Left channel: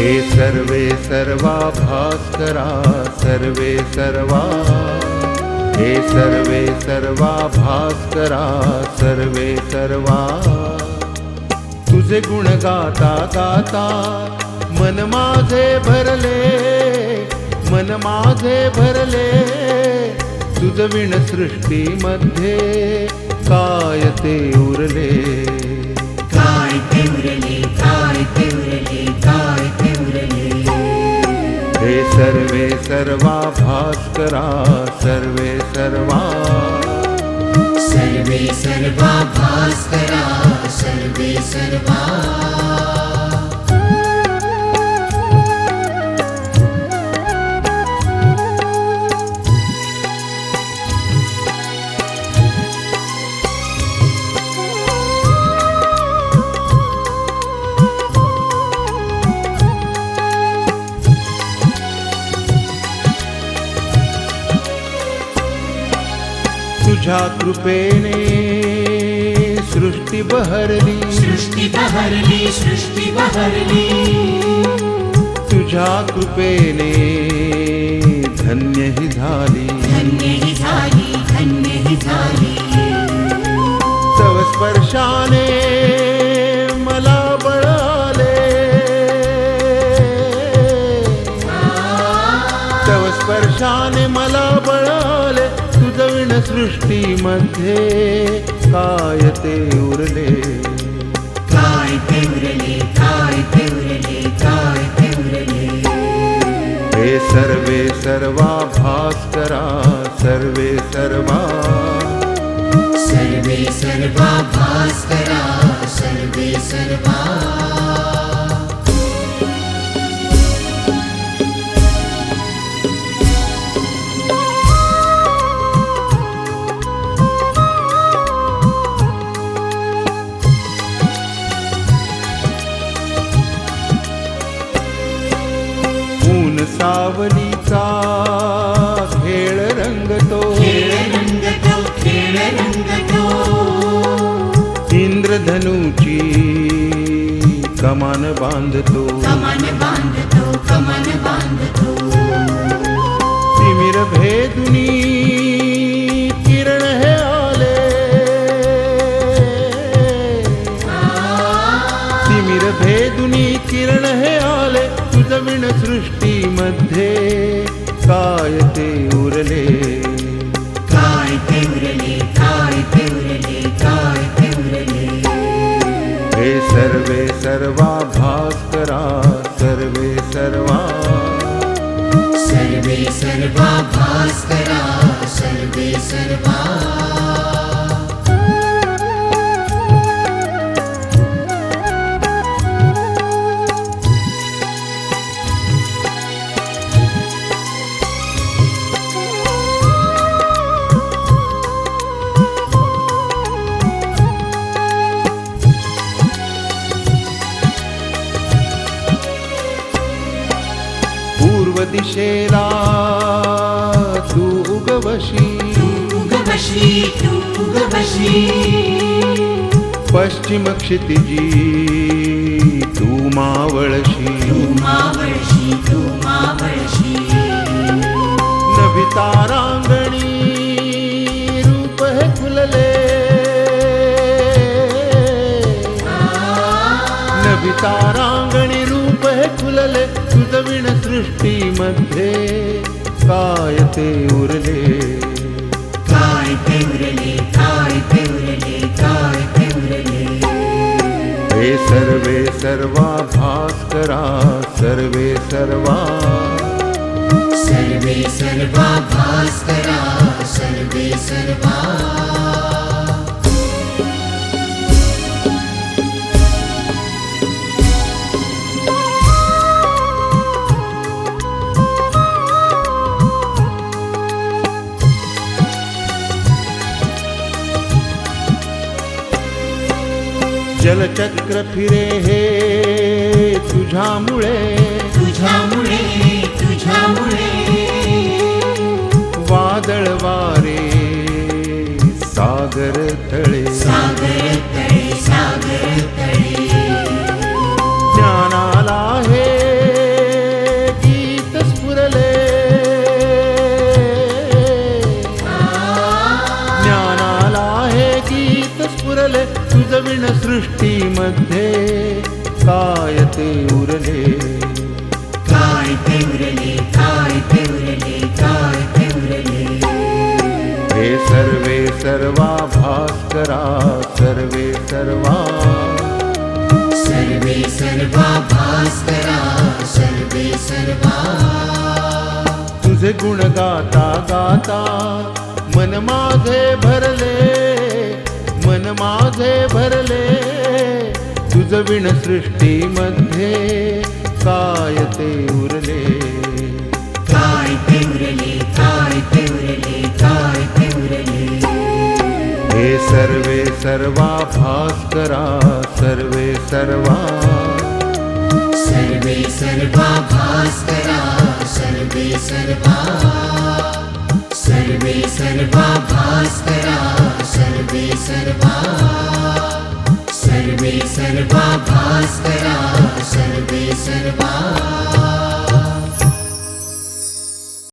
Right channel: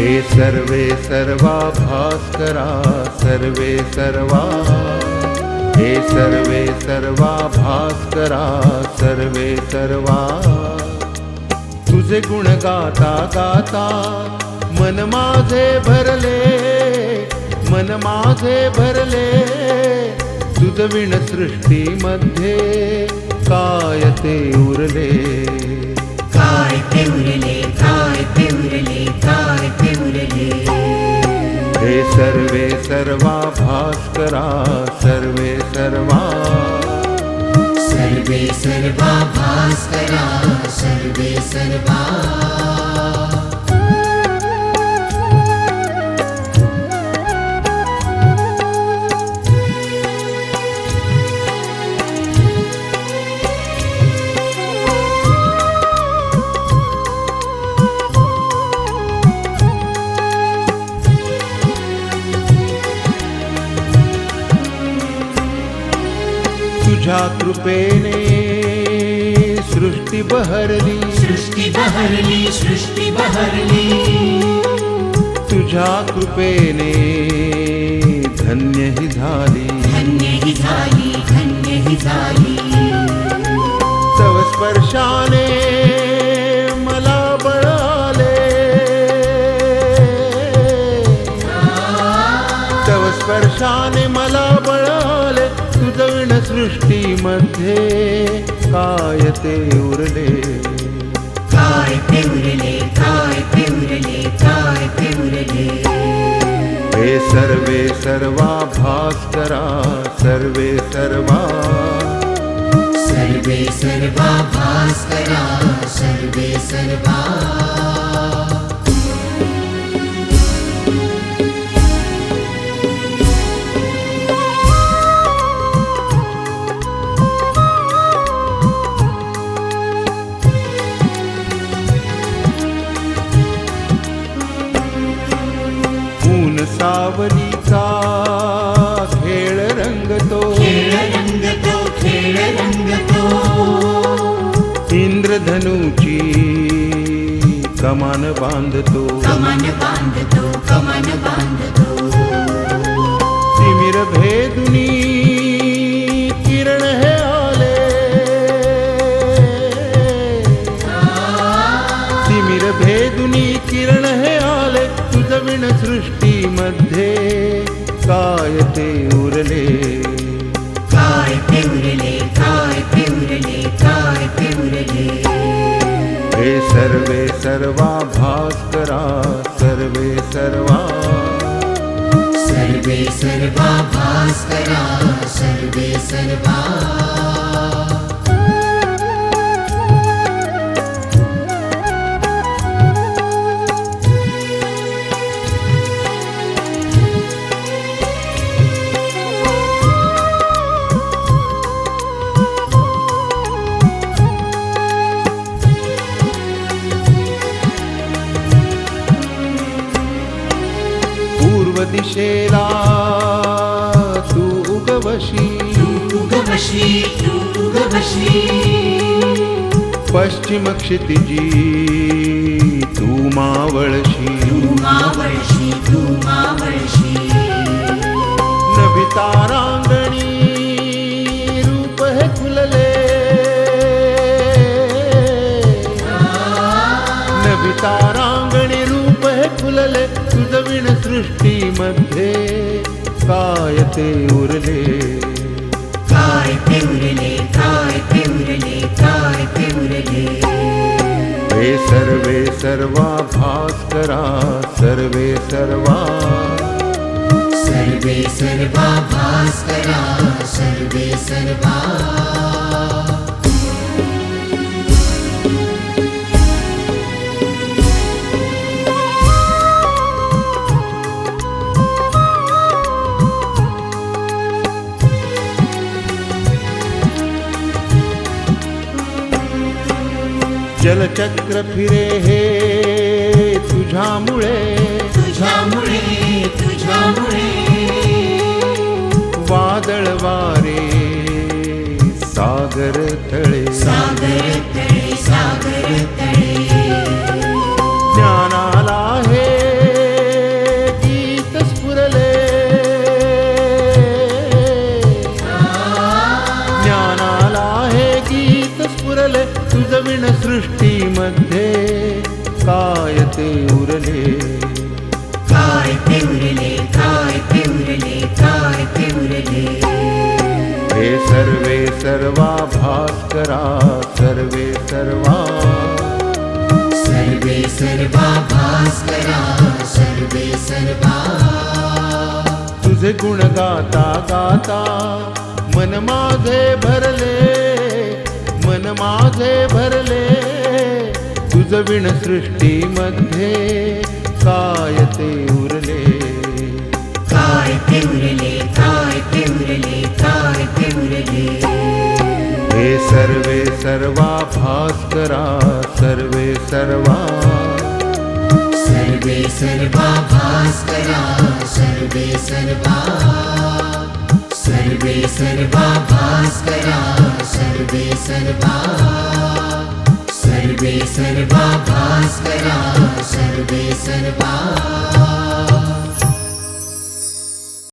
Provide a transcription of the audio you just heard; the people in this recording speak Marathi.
हे सर्वे सर्वा भास्करा सर्वे सर्वा, हे सर्वे सर्वा भास्करा सर्वे सर्वा, तुझे गुण गाता गाता मन माझे भरले, मन माझे भरले, तुझ विण सृष्टीमध्ये काय ते उरले, काय ते उरले, काय ते उरले, काय ते उरले। हे सर्वे सर्वा भास्करा सर्वे सर्वा, सर्वे सर्वा भास्करा सर्वे सर्वा। तुझ्या कृपेने सृष्टी बहरली, सृष्टी बहरली, सृष्टी बहरली, तुझ्या कृपेने धन्य ही झाली, धन्य ही झाली, धन्य ही झाली। तव स्पर्शाने मला बळ आले, तव स्पर्शाने मला बळ आले, तुझ विण सृष्टीमध्ये काय ते उरले, काय ते उरले, काय ते उरले, काय ते उरले। हे सर्वे सर्वा भास्करा सर्वे सर्वा, सर्वे सर्वा भास्करा सर्वे सर्वा। ऊन सावलीचा खेळ रंगतो, खेळ रंगतो, खेळ रंगतो, इंद्रधनुची कमान बांधतो, कमान बांधतो, कमान बांधतो। तिमिर भेदुनी किरण हे आले, तिमिर भेदुनी किरण हे आले, तुझ विण सृष्टीमध्ये काय ते उरले, काय ते उरले, काय ते उरले, काय ते उरले। हे सर्वे सर्वा भास्करा सर्वे सर्वा, सर्वे सर्वा भास्करा सर्वे सर्वा। पूर्व दिशेला तू उगवशी, उगवशी, तू उगवशी, पश्चिम क्षितिजी तू मावळशी, तू मावळशी, तू मावळशी। नभिता रांगणी रूप हे खुलले, नभिता रांगणी रूप हे खुलले, तुझ विण सृष्टीमध्ये काय ते उरले, काय ते उरले, काय ते उरले, काय ते उरले। हे सर्वे सर्वा भास्करा सर्वे सर्वा, सर्वे सर्वा भास्करा सर्वे सर्वा। जलचक्र फिरे हे तुझ्यामुळे, तुझ्यामुळे, तुझ्यामुळे। वादळ वारे सागर तळे, सागर तळे, सागर तळे। ज्ञानाला हे तुझ विण सृष्टीमध्ये काय ते उरले, काय ते उरले, काय ते उरले, काय ते उरले. हे सर्वे सर्वा भास्करा सर्वे सर्वा, सर्वे सर्वा भास्करा सर्वे सर्वा. तुझे गुण गाता गाता मन माझे भरले, मन माझे भरले. तुझ विण सृष्टीमध्ये काय ते उरले, काय ते उरले, काय ते उरले, काय ते उरले. हे सर्वे सर्वा भास्करा सर्वे सर्वा, सर्वे सर्वा भास्करा सर्वे सर्वा. सर्वे सर्वा भास्करा सर्वे सर्वा. सर्वे सर्वा भास्करा सर्वे सर्वा.